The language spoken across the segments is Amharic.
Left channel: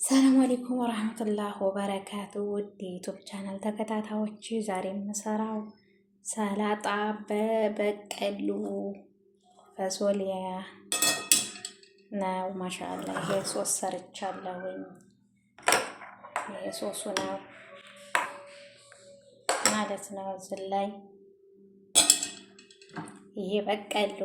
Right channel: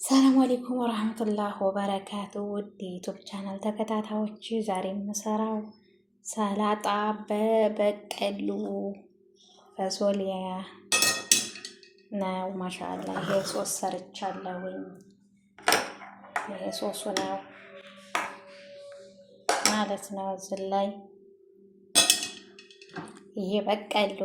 ሰላም አለይኩም ወራህመቱላህ ወበረካቱ። ውድ ዩቱብ ቻናል ተከታታዮች ዛሬ የምሰራው ሰላጣ በበቀሉ ፈሶሊያ ነው። ማሻአላ ይሄ ሶስ ሰርቻለሁኝ። ይሄ ሶሱ ነው ማለት ነው። እዚህ ላይ ይሄ በቀሉ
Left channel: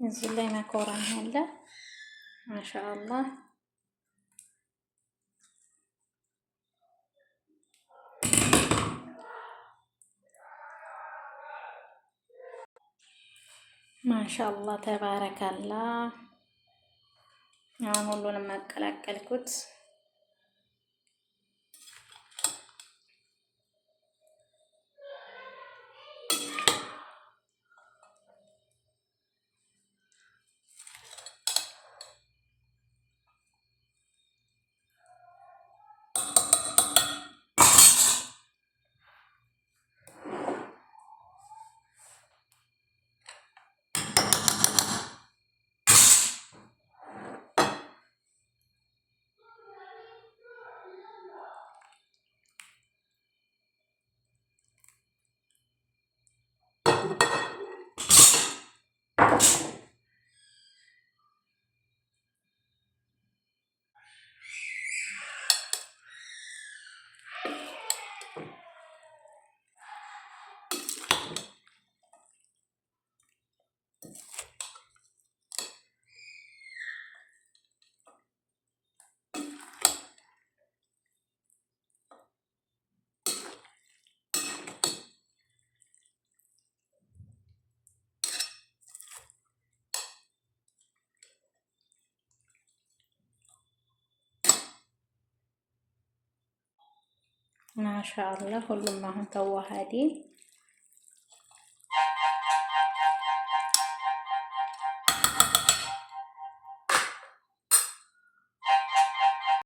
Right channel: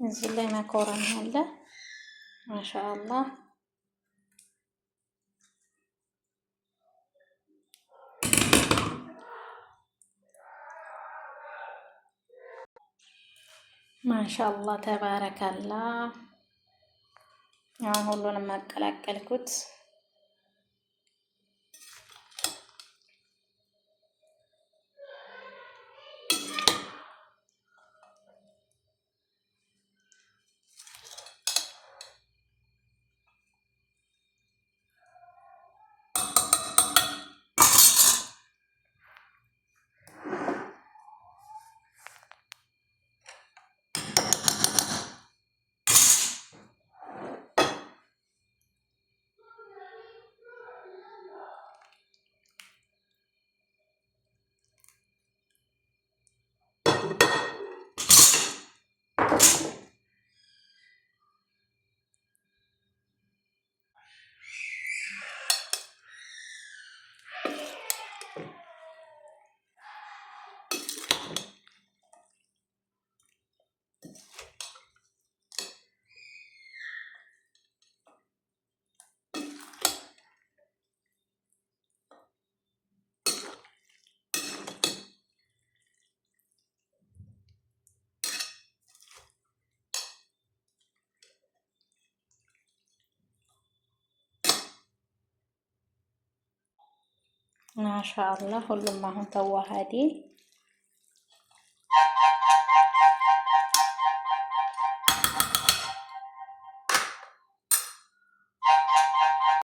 እዚህ ላይ መኮረኒ አለ። ማሻአላህ ማሻአላህ ተባረካላ። አሁን ሁሉንም አቀላቀልኩት። ማሻአላህ ሁሉም አሁን ተዋሃዲ